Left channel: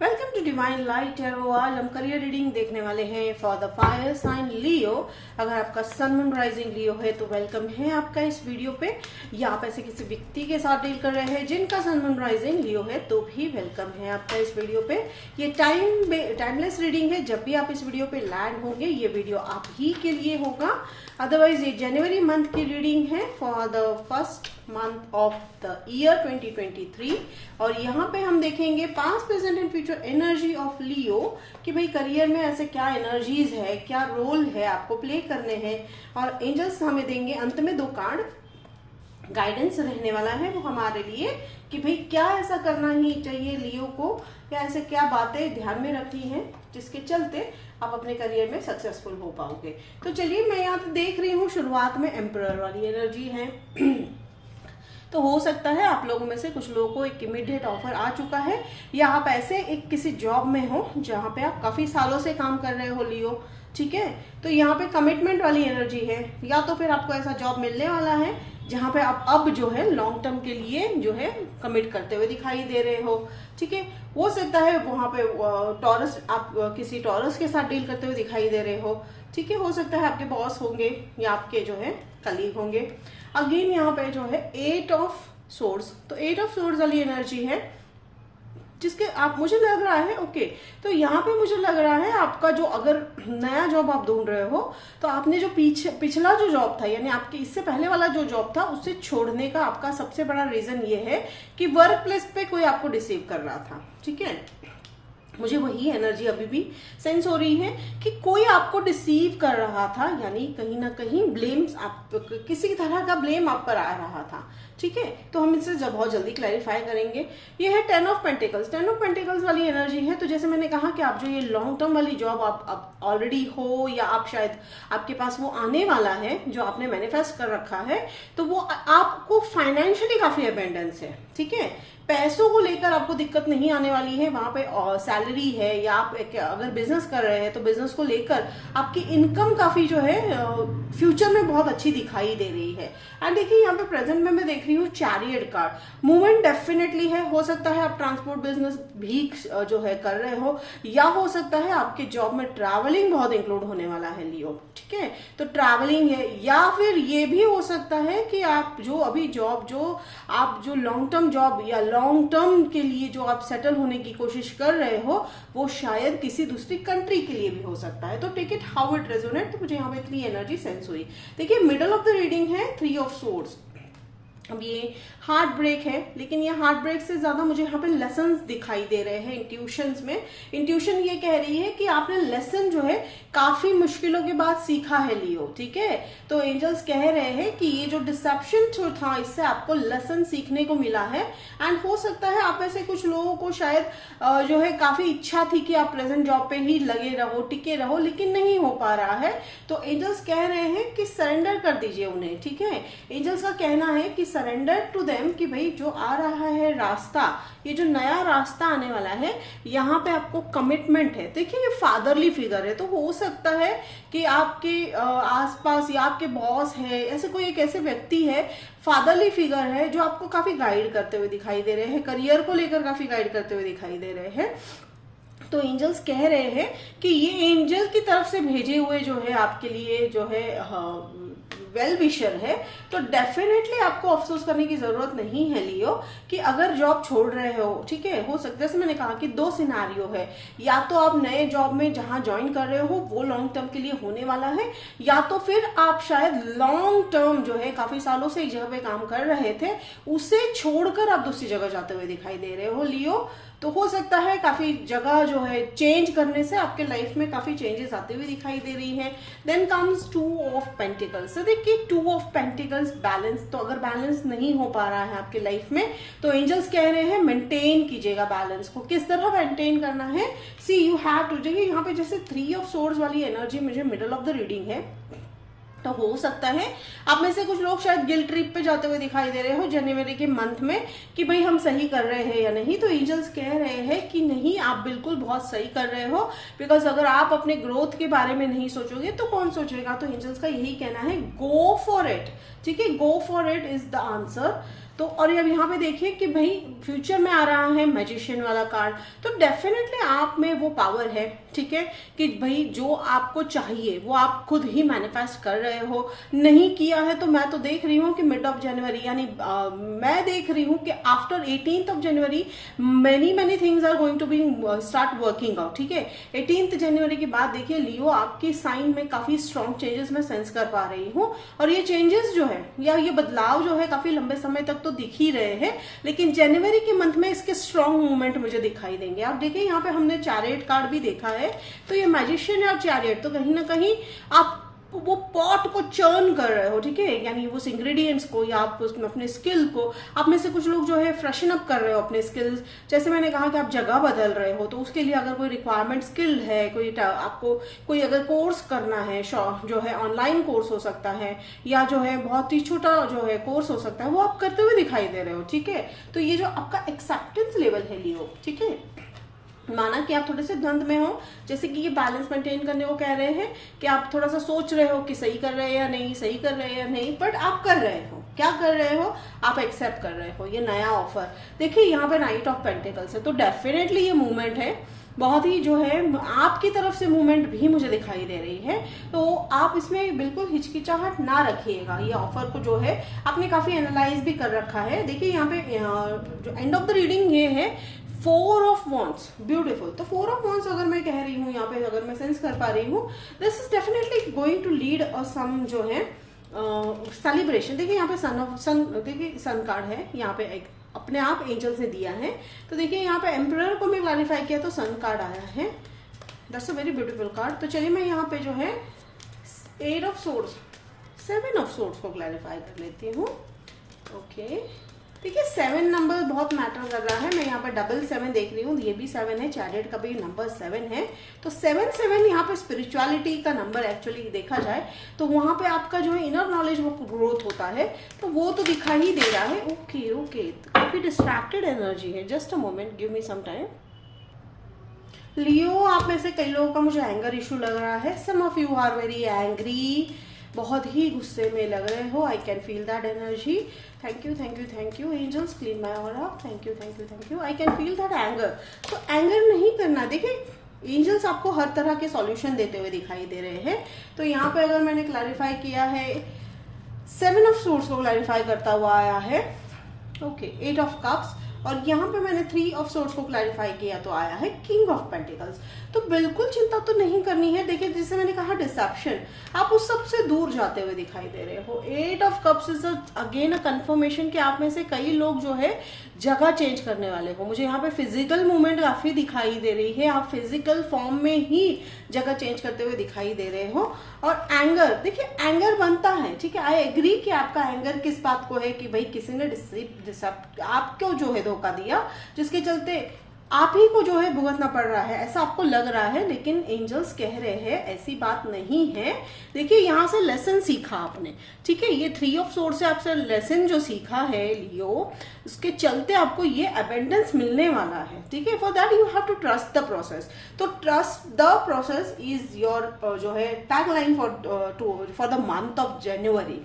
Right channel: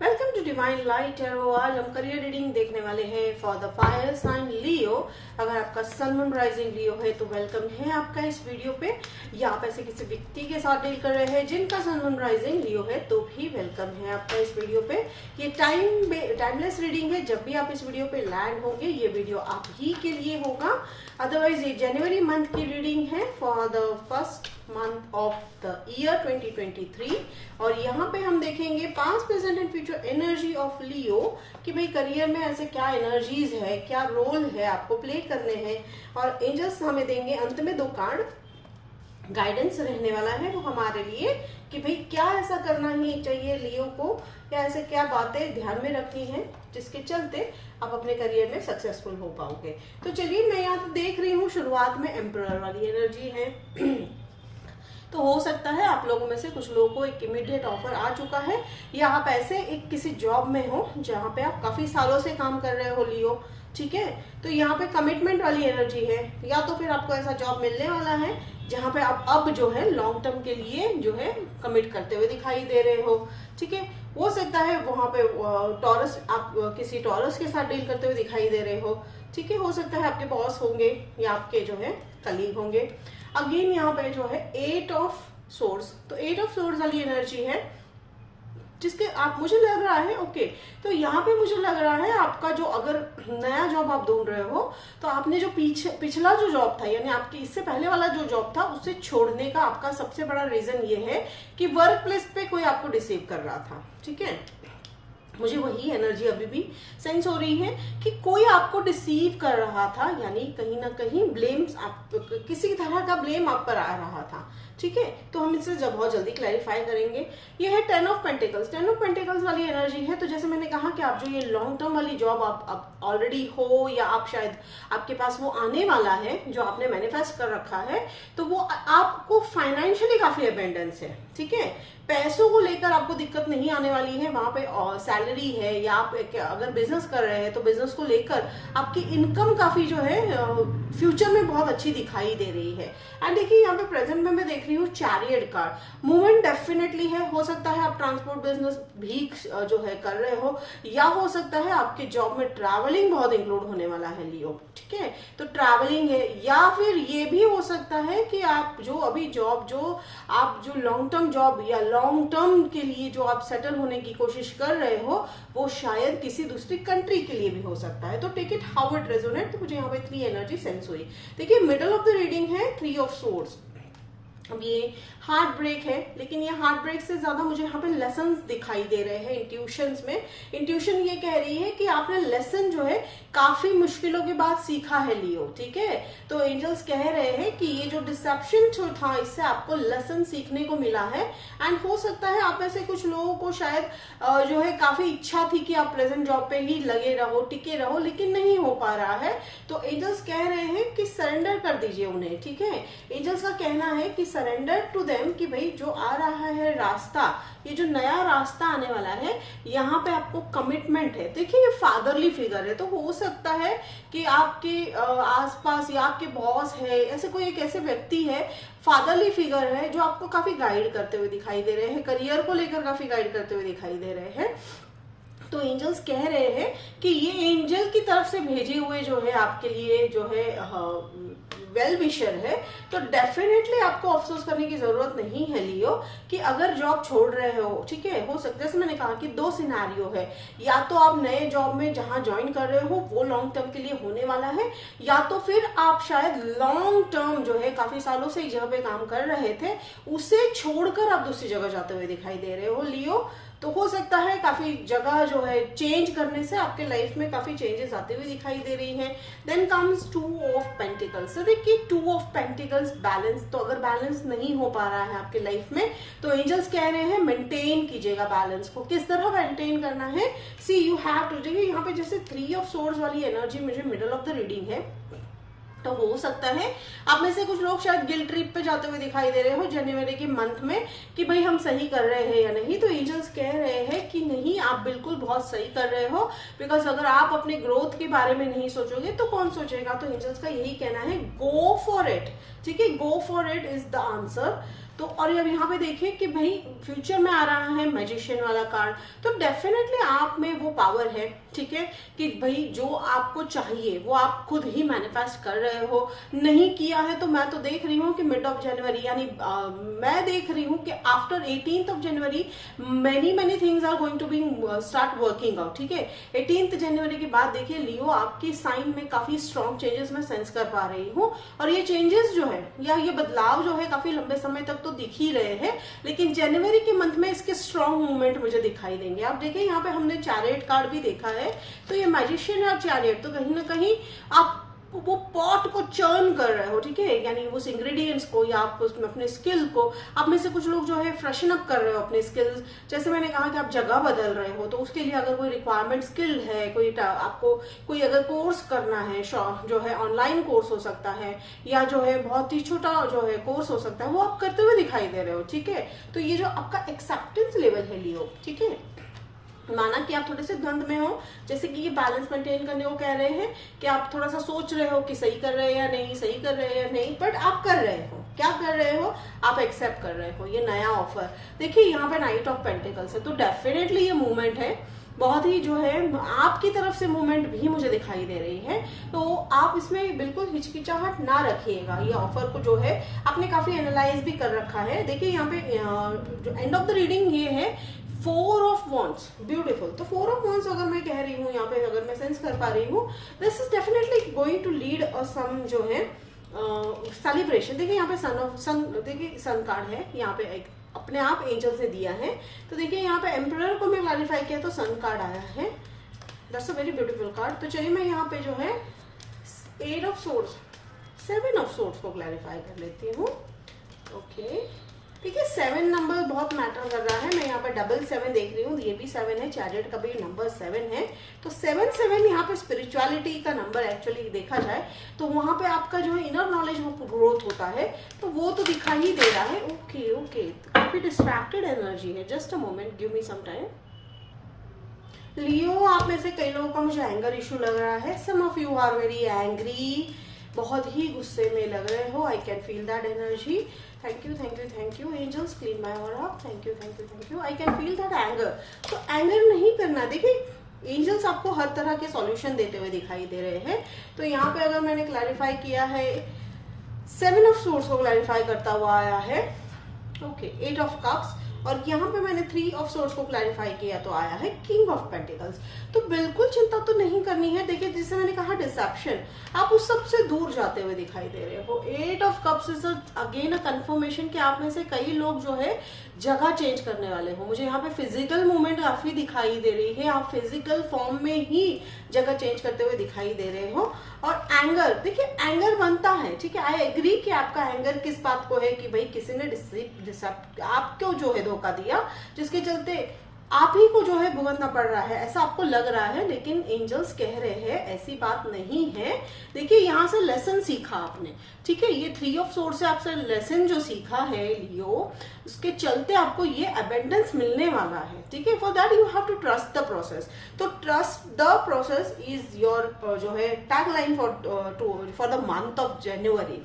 Welcome to divine light tarot. आज हम career reading देखने वाले हैं for the fire sign Leo. अगर आपका सन मून राइजिंग लियो है तो वेलकम है आपका इस वीडियो पे, या आप ऐसे किसी व्यक्ति के साथ डील कर रहे हैं जिनका सन मून राइजिंग लियो है तो भी वेलकम है आपका इस वीडियो पे। ये टाइमलेस रीडिंग है। जब भी आप इस वीडियो पे लैंड होंगे ये वीडियो आप ही के लिए होगा। अदरवाइज ये जनवरी मंथ की रीडिंग है for the first month of the year 2023 और यहाँ पे हम देखेंगे past present and future energy of Leo कि भाई करियर में ऐसे क्या एनर्जीज है, क्या रोल है आपको प्ले करने हैं। और एंजल्स हमें देंगे अंत में 2 कार्ड। गाइडेंस रहने वाला है वो हमारे लिए कि भाई क्या ऐसा करना ही चाहिए लियो को, या ऐसे क्या बातें ध्यान में रखनी है जिसके चलते आप अपने करियर में सक्सेसफुल हो पाओगे। तो चलिए, मैं यहाँ तो देख रही हूँ शुरुआत में एम्परर वाली एनर्जी है तो हो सकता है आप लोगों में से कुछ लोगों को एक इमीडिएट ऑफर आ चुका है, या आप ऐसे एक किसी जॉब में हो जहां पे आप काफी सालों से काम कर रहे हो लियो, ठीक है। तो यहाँ पे कमिटमेंट वाली एनर्जी है, या तो फिर आपको ऐसा जॉब मिलने वाला है जहां पे आप अब जो है लॉन्ग टर्म के लिए जो है कमिट करते हुए दिखाई दे रहे हो, ठीक है। हो सकता है वहां पे टॉरस, आप किसी टॉरस के साथ डील करते हुए दिखाई दे रहे हो, ठीक है। हो सकता है आपके बॉस होंगे या आपके जो है कलीग होंगे। अगेन यहाँ पे जो है 8 ऑफ सोर्ड्स, तो 8 ऑफ सोर्ड्स वाली एनर्जी है जिसके आप, मुझे लग रहा है ओके, तो यहाँ पे मुझे लग रहा है आपका जो अगर नया जॉब आप ढूंढ रहे हो तो आपने जो पिछला जो जॉब था, यानी आपके इससे पहले वाला जो जॉब था उससे छोड़ने का आपका सबसे बड़ा रीजन ये है कि वर्क प्लेस पे कोई आपको डिसीव कर रहा था, ठीक है। मुझे वही एनर्जी अभी भी सेंस हो रही है कि कोई आपको डिसीव कर रहा था, यानी कहीं ना कहीं ब्लेम्स, आप किसी तरह का ब्लेम आप पर आ रहा था, ठीक है। तो हम इससे बहुत जल्दी क्लैरिफाई करेंगे। ये है 10 ऑफ पेंटिकल्स। 10 ऑफ पेंटिकल्स वाली एनर्जी है। तो जैसे मैंने कहा कि आप जो ये लॉन्ग टर्म वाली जॉब आप ऑलरेडी हो, या आप शायद आपके पास वो आने वाला है जो आपने मैनिफेस्ट कर रखा है, तो वो आपको फाइनेंशियली काफी अबेंडेंस है, ठीक है। पैसों को लेकर आपको दिक्कत नहीं आने वाली है। वहां पे सैलरी है, या आप अगर बिजनेस कर रहे हैं तो बिजनेस को लेकर आपकी इनकम काफी जो है फ्यूचर में बहुत अच्छी दिखाई दे रही है। एंड देखिए यहाँ पे प्रेजेंट में मैं देख रही हूँ चैरियट कार्ड। मूवमेंट डेफिनेटली है। हो सकता है आप ट्रांसपोर्ट बिजनेस भी जो है कर रहे हो, या हो सकता है आपके जॉब में ट्रैवलिंग बहुत इंक्लूड होने वाला है लियो, ठीक है। तो ट्रैवलिंग है, या फिर ये भी हो सकता है कि आप जो अभी जॉब जो लॉन्ग टर्म जॉब या लॉन्ग टर्म के लिए जो आप सेटल होने की कोशिश कर रहे हो वो शायद किसी दूसरी कंट्री के लिए भी हो सकता है। तो take it how it resonate. तो मुझे यहाँ पे इतनी एनर्जी सेंस हुई। देखिए मिडल ऑफ द रीडिंग है 3 ऑफ सोर्ड्स। अब ये हार्ट ब्रेक है, लेकिन ये हार्ट ब्रेक से ज्यादा मुझे यहाँ पे लेसन्स दिखाई दे रहे हैं इंट्यूशंस में। इंट्यूशन ये कह रही है कि आपने लेसन जो है काफी मुश्किलों के बाद सीखा है लियो, ठीक है। तो एंजल्स कह रहे हैं कि ये जो डिसेप्शन जो था इससे आपको लेसन सीखने को मिला है। एंड हो सकता है आप में से कुछ लोगों को शायद जो है काफी इच्छा थी कि आप प्रेजेंट जॉब पे ही लगे रहो, टिके रहो, लेकिन नहीं हो पा रहा है। तो एंजल्स कह रहे हैं कि सरेंडर कर दीजिए उन्हें, ठीक है। एंजल्स का कहना है कि सरेंडर टू देम, कि भाई जो आ रहा है रास्ता, ये जो नया रास्ता आने वाला है यहाँ पे आपको कमिटमेंट है। देखिए ये फादरली फिगर है, तो हो सकता है कि आपके आसपास या आपके बॉस है, ऐसे कोई एक ऐसे व्यक्ति है, फादरली फिगर है जो आपको काफी गाइड करते हुए दिखाई दे रहे हैं, करियर को लेकर काफी गाइड करते हुए दिखाई दे रहे हैं। तो एंजल्स कह रहे हैं कि ये एंजल की तरफ से भेजे हुए जो है आपके लिए जो है वेल विशर है। तो डेफिनेटली आपको अफसोस करने की जरूरत नहीं है लियो कि अगर जॉब छोड़ रहे हो, ठीक है। हो सकता है, जैसे मैंने कहा कि 2 सिनेरियो है, या तो आप नए जॉब में जहां ज्वाइन कर रहे हो वो लॉन्ग टर्म के लिए होने वाला है, या तो फिर आप शायद लॉन्ग टर्म जो है काफी सालों से एक जगह पे काम कर रहे थे उसे छोड़कर आप दूसरी जगह जाते हुए दिखाई दे रहे हो लियो। तो हो सकता है काफी जगह जो है चेंज करने से आपके लाइफ में काफी चेंजेस आते हुए दिखाई दे रही हैं। Then comes 2 of pentacles. तो देखिए 2 ऑफ पेंटिकल्स बैलेंस, तो अगर बैलेंस नहीं हो पा रहा है आपके लाइफ में तो एंजल्स कह रहे हैं मेंटेन कीजिएगा बैलेंस को। किस तरह मेंटेन करना है, सी यू हैव टू। देखिए यहाँ पे जैसे 3 ऑफ सोर्ड्स वाली एनर्जी मुझे मिडल ऑफ द रीडिंग है, तो हो सकता है आप में से कुछ लोग शायद गिल्ट ट्रिप पे जाते हुए दिखाई दे रहे हो जनवरी के मंथ में कि भाई हम सही कर रहे हैं या नहीं। तो एंजल्स कह रहे हैं कि नहीं, आप बिल्कुल बहुत सही कर रहे हो, बिकॉज अगर आप अपने ग्रोथ के बारे में नहीं सोचोगे तो कौन सोचेगा। तो एंजल्स का यही कहना है, गो फॉर इट, ठीक है। Go for it is the answer. तो और अब यहाँ पे देखिए कि भाई फ्यूचर में आ रहा है मैजिशियन वाला कार्ड, तो डेफिनेटली आप में वो पावर है, ठीक है, कि भाई जो आपको चाहिए वो आप खुद ही मैनिफेस्ट कर रहे हो। नहीं किया है तो मैं तो देख रही हूँ कि मिड ऑफ जनवरी यानी मैं देख रही हूँ कि after 18th of January many things are going to be start working out, ठीक है। 18th जनवरी के बाद देखिए लियो आपकी साइन में काफी स्ट्रॉन्ग चेंजेस मैं सेंस कर पा रही हूँ, और ये चेंजेस जो है या ये बदलाव जो है काफी लंबे समय तक तो दिख ही रहे हैं, लेकिन जनवरी के मंथ में इसके स्ट्रॉन्ग मूवमेंट मुझे दिखाई देंगे। अब देखिए यहाँ पे हमने चैरियट कार्ड भी देखा है, तो ये मैजिशियन और चैरियट, तो कहीं ना कहीं आप वो पॉट को चर्न कर रहे हो, ठीक है, यानी उस इंग्रेडिएंट्स को या आप उसमें अपने स्किल को, आप में से कुछ लोग जो है फ्रेशन अप कर रहे हो अपने स्किल्स। जैसे मैंने कहा कि आप जगह बदल रहे हो, तो उसके लिए अगर कोई रिक्वायरमेंट स्किल है, कोई आपको कोई अगर कोर्स करना है, जो है ऑनलाइन कोर्स हो सकता है या जो है बहुत ही छोटा जो है कोर्स हो सकता है, वो आप करते हुए दिखाई दे रहे हो, ठीक है। तो ये जो आपका एक्सेप्टेंस लेवल है लियो, ठीक है, माना कि आप थोड़े से द्वंद में हो, जैसे कि ये बैलेंस मेंटेन करने को कह रहे हैं कि आप थोड़ा सा सोच रहे हो कि सही कर रहे हैं या नहीं, सही कर रहे हैं या नहीं, बट आप कर रहे हो, क्या कर रहे हो, आप एक्सेप्ट कर रहे हो ये नया ऑफर। देखिए यहाँ पे नाइट ऑफ पेंटिकल्स है, तो डेफिनेटली ये मूवमेंट है बहुत ही जो है आपकी तरफ से मूवमेंट भी मुझे दिखाई दे रही है, तो आप इसमें बिल्कुल हिचकिचाहट ना रखिएगा। ये ऑफर को जो है आपने काफी एनालाइज भी कर रखा है। देखिए यहाँ पे जो एंड ऑफ द रीडिंग ये है 4 ऑफ वॉन्ड्स, ब्यूटीफुल। तो 4 ऑफ वॉन्ड्स अगर मैं कह रही हूँ यहाँ पे, अगर मैं सेंस कर पा रही हूँ, this is definitely going to lead some जो है सेलिब्रेशन। देखिए यहाँ पे सन देखिए सन कार्ड है, यहाँ पे एक अपने आप एंजल्स ने दिया है। तो देखिए यहाँ पे एम्परर को मैं क्लैरिफाई किया तो सन कार्ड आया है, that's a very beautiful card. तो चलिए मैं यहाँ पे जो है 8 ऑफ सोर्ड्स, 7 ऑफ सोर्ड्स को क्लैरिफाई कर लेती हूँ। ओके, ठीक है, 7 नंबर बहुत मैटर कर रहा है। मैं यहाँ पर 7 देख रही हूँ, ये भी 7 है, चैरियट का भी नंबर 7 है। तो 7 यहाँ पे स्पिरिचुअलिटी का नंबर एक्चुअली देखा जाए तो वहां पे आपका जो है इनर नॉलेज वो ग्रोथ होता है, तो वो तो दिखाई ही दे रहा है। ओके ओके, काफी डिस्ट्रैक्टेड एनर्जी है, just a moment, give me some time. Leo, आप में से कई लोगों का मुझे एंगर इशू लग रहा है। Some of you are very angry, बहुत ही गुस्से में लग रहे हो। I can feel that energy. Thank you thank you thank you angels, clean my aura. Thank you thank you thank you. I can feel that anger. तो anger नहीं करना। देखिए एंजल्स आपको हर तरह के सॉल्यूशन देते हुए दिखाई दे रहे हैं। तो यहाँ पे अगर मैंने क्लैरिफाई किया है 7 ऑफ सोर्स को क्लैरिफाई करता हुआ आया है। ओके, 8 ऑफ कप्स, और यहाँ पे मैंने 3 ऑफ सोर्स को क्लैरिफाई किया तो आया है किंग ऑफ पेंटिकल्स। तो बिल्कुल चिंता तो नहीं करनी है। देखिए जैसे मैंने कहा डिसेप्शन, आप उस सबसे दूर जाते हुए दिखाई दे रहे हो। 8 of cups is again a confirmation कि आप में से कई लोग जो है जगह चेंज करने वाले हो। मुझे यहाँ पे फिजिकल मूवमेंट काफी दिखाई दे रही है, आप फिजिकल फॉर्म में ही जगह चेंज करते हुए दिखाई दे रहे हो। और एंगर, देखिए एंगर बनता है, ठीक है, आई एग्री कि आपका एंगर किस बात को है कि भाई किसी ने आपको जो है धोखा दिया, जिसके चलते आप ही को जो है भुगतना पड़ रहा है, ऐसा आपको लग रहा है। लेकिन एंजल्स कह रहे हैं ऐसी बात नहीं है। देखिए यहाँ से लेसन सीखा आपने, ठीक है, ये 3 ऑफ सोर्स से आपसे लेसन जो सीखा है लियो, उसके चलते आपको ये अबेंडेंस मिलने वाला है, ठीक है। For that you have to trust the process. तो trust the process is your जो है tag line for the month of January.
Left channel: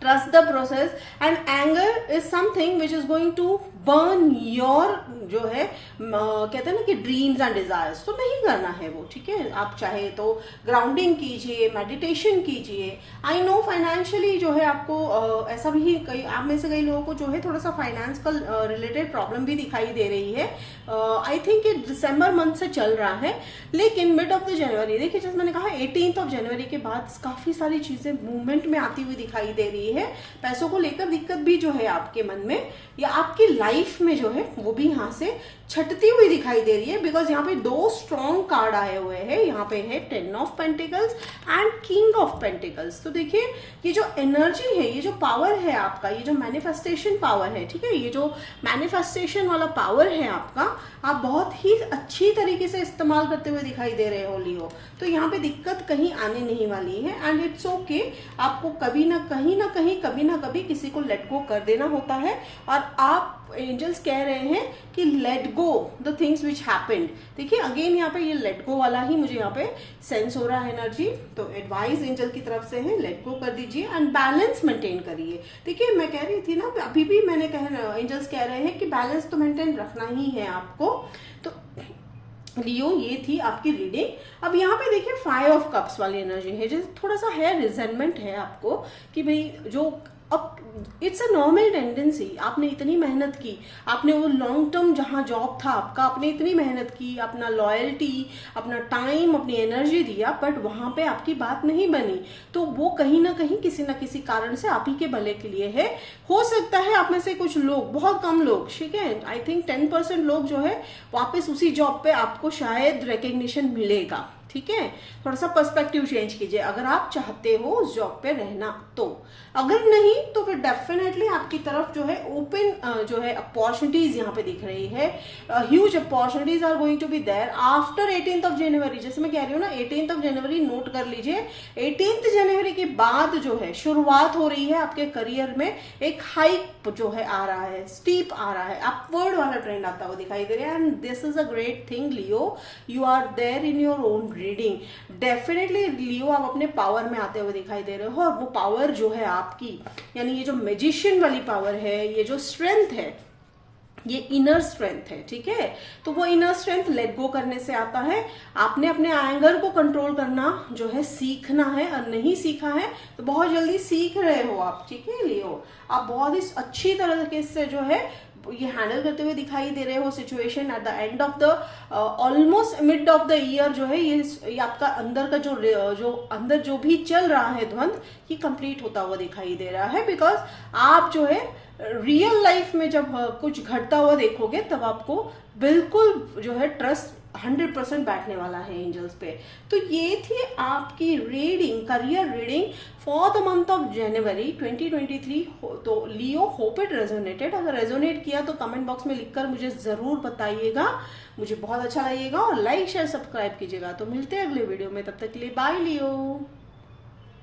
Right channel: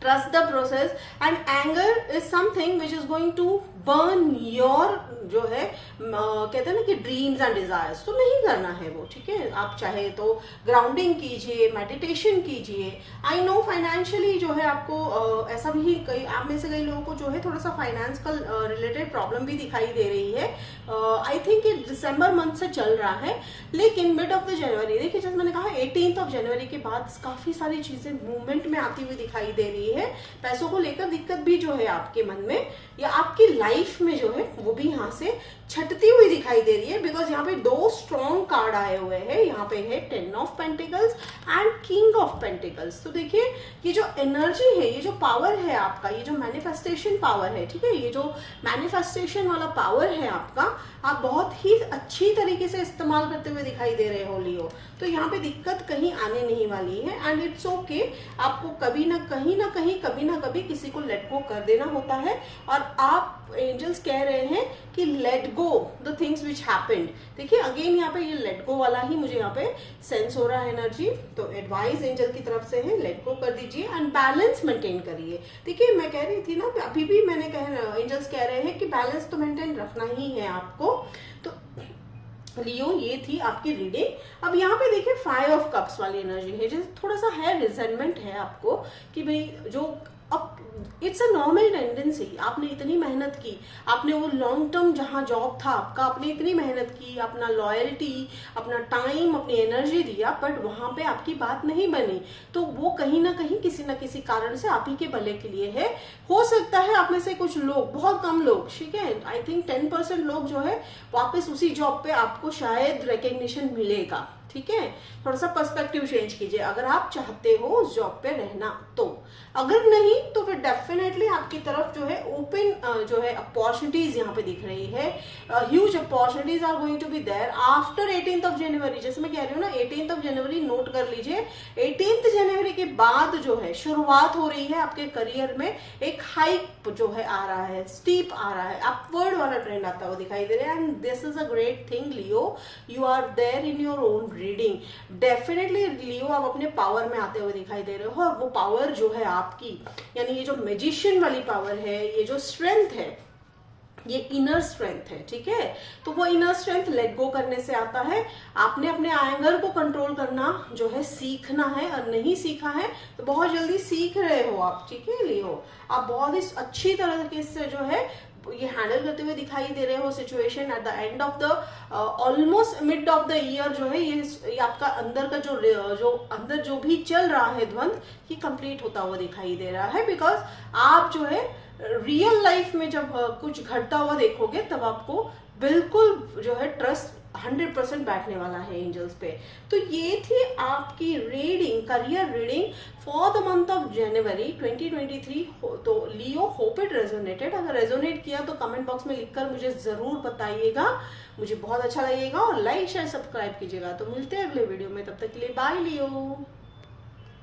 Trust the process and anger is something which is going to burn your जो है कहते हैं ना कि dreams and desires, तो नहीं करना है वो, ठीक है। आप चाहे तो ग्राउंडिंग कीजिए, मेडिटेशन कीजिए। आई नो फाइनेंशियली जो है आपको ऐसा भी कई आप में से कई लोगों को जो है थोड़ा सा फाइनेंस का रिलेटेड प्रॉब्लम भी दिखाई दे रही है। आई थिंक ये दिसंबर मंथ से चल रहा है, लेकिन मिड ऑफ द जनवरी, देखिए जैसे मैंने कहा 18th ऑफ जनवरी के बाद काफी सारी चीजें मूवमेंट में आती हुई दिखाई दे रही है। पैसों को लेकर दिक्कत भी जो है आपके मन में या आपकी लाइफ में जो है वो भी यहाँ से छटती हुई दिखाई दे रही है। बिकॉज यहाँ पे 2 स्ट्रॉन्ग कार्ड आए हुए हैं, यहाँ पे है 10 of pentacles and king of pentacles. तो देखिए ये जो एनर्जी है, ये जो पावर है आपका, ये जो मैनिफेस्टेशन पावर है, ठीक है, ये जो मैनिफेस्टेशन वाला पावर है आपका, आप बहुत ही अच्छी तरीके से इस्तेमाल करते हुए दिखाई दे रहे हो लियो। तो यहाँ पे दिक्कत कहीं आने नहीं वाली है एंड इट्स ओके। आपको कभी ना कभी किसी को लेट गो कर देना होता है, और आप एंजल्स कह रहे हैं कि let go the things which happened. देखिए अगेन यहाँ पे ये लेट गो वाला ही मुझे यहाँ पे सेंस हो रहा है एनर्जी। तो एडवाइस एंजल की तरफ से है लेट गो कर दीजिए एंड बैलेंस मेंटेन करिए। देखिए मैं कह रही थी ना, अभी भी मैंने एंजल्स कह रहे हैं कि बैलेंस तो मेंटेन रखना ही है आपको। तो लियो ये थी आपकी रीडिंग। अब यहाँ पे देखिए 5 ऑफ कप्स वाली एनर्जी है, जैसे थोड़ा सा है रिजेंटमेंट है आपको कि भाई जो अब इट्स अ नॉर्मल टेंडेंसी, आपने इतनी मेहनत की, आपने वो लॉन्ग टर्म जहां जॉब था आपका, आपने इतनी मेहनत की, अपना लॉयल्टी, अपना टाइम, अपनी एनर्जी दिया, बट वहां पे आपकी बात नहीं बनी। तो वो कहीं ना कहीं किसी ना किसी कारण से आप ही के भले के लिए है। हो सकता है आप में से कुछ लोग, बहुत कम लोग, ठीक है, आई थिंक 10% लोग जो है वापस उसी जॉब पे आपको शायद रिकग्निशन मिलेगा। ठीक है, थोड़ा सा पर्सपेक्टिव चेंज कीजिए अगर आप चाहते हो उस जॉब पे रहना तो। अगर नहीं तो फिर डेफिनेटली आपकी तरफ जो है ओपन जो है अपॉर्चुनिटीज यहाँ पे दिख रही है। Huge opportunities are going to be there after 18th of January. जैसे मैं कह रही हूँ ना, 18th ऑफ जनवरी नोट कर लीजिए। 18th जनवरी के बाद जो है शुरुआत हो रही है आपके करियर में, एक हाइक जो है आ रहा है, स्टीप आ रहा है, अपवर्ड वाला ट्रेंड आता हुआ दिखाई दे रहा है। And this is a great thing Leo, you are there in your own reading. Definitely Leo आप अपने पावर में आते हुए दिखाई दे रहे हो, और वो पावर जो है आपकी, यानी ये जो मैजिशियन वाली पावर है, ये जो स्ट्रेंथ है, ये इनर स्ट्रेंथ है। ठीक है, तो वो इनर स्ट्रेंथ लेट गो करने से आता है। आपने अपने एंगर को कंट्रोल करना जो है सीखना है, और नहीं सीखा है तो बहुत जल्दी सीख रहे हो आप। ठीक है लियो, आप बहुत ही अच्छी तरीके से जो है ये हैंडल करते हुए दिखाई दे रहे हो situation. At the end of the almost mid of the year जो है ये आपका अंदर का जो अंदर जो भी चल रहा है द्वंद, ये कंप्लीट होता हुआ दिखाई दे रहा है। बिकॉज आप जो है रियल लाइफ में जब कुछ घटता हुआ देखोगे तब आपको बिल्कुल जो है ट्रस्ट 100% बैठने वाला है एंजल्स पे। तो ये थी आपकी reading, career reading for the month of जनवरी 2023। तो लियो, होप इट रेजोनेटेड। अगर रेजोनेट किया तो कमेंट बॉक्स में लिखकर मुझे जरूर बताइएगा, मुझे बहुत अच्छा लगेगा। और लाइक शेयर सब्सक्राइब कीजिएगा। तो मिलते हैं अगले वीडियो में, तब तक के लिए बाय लियो।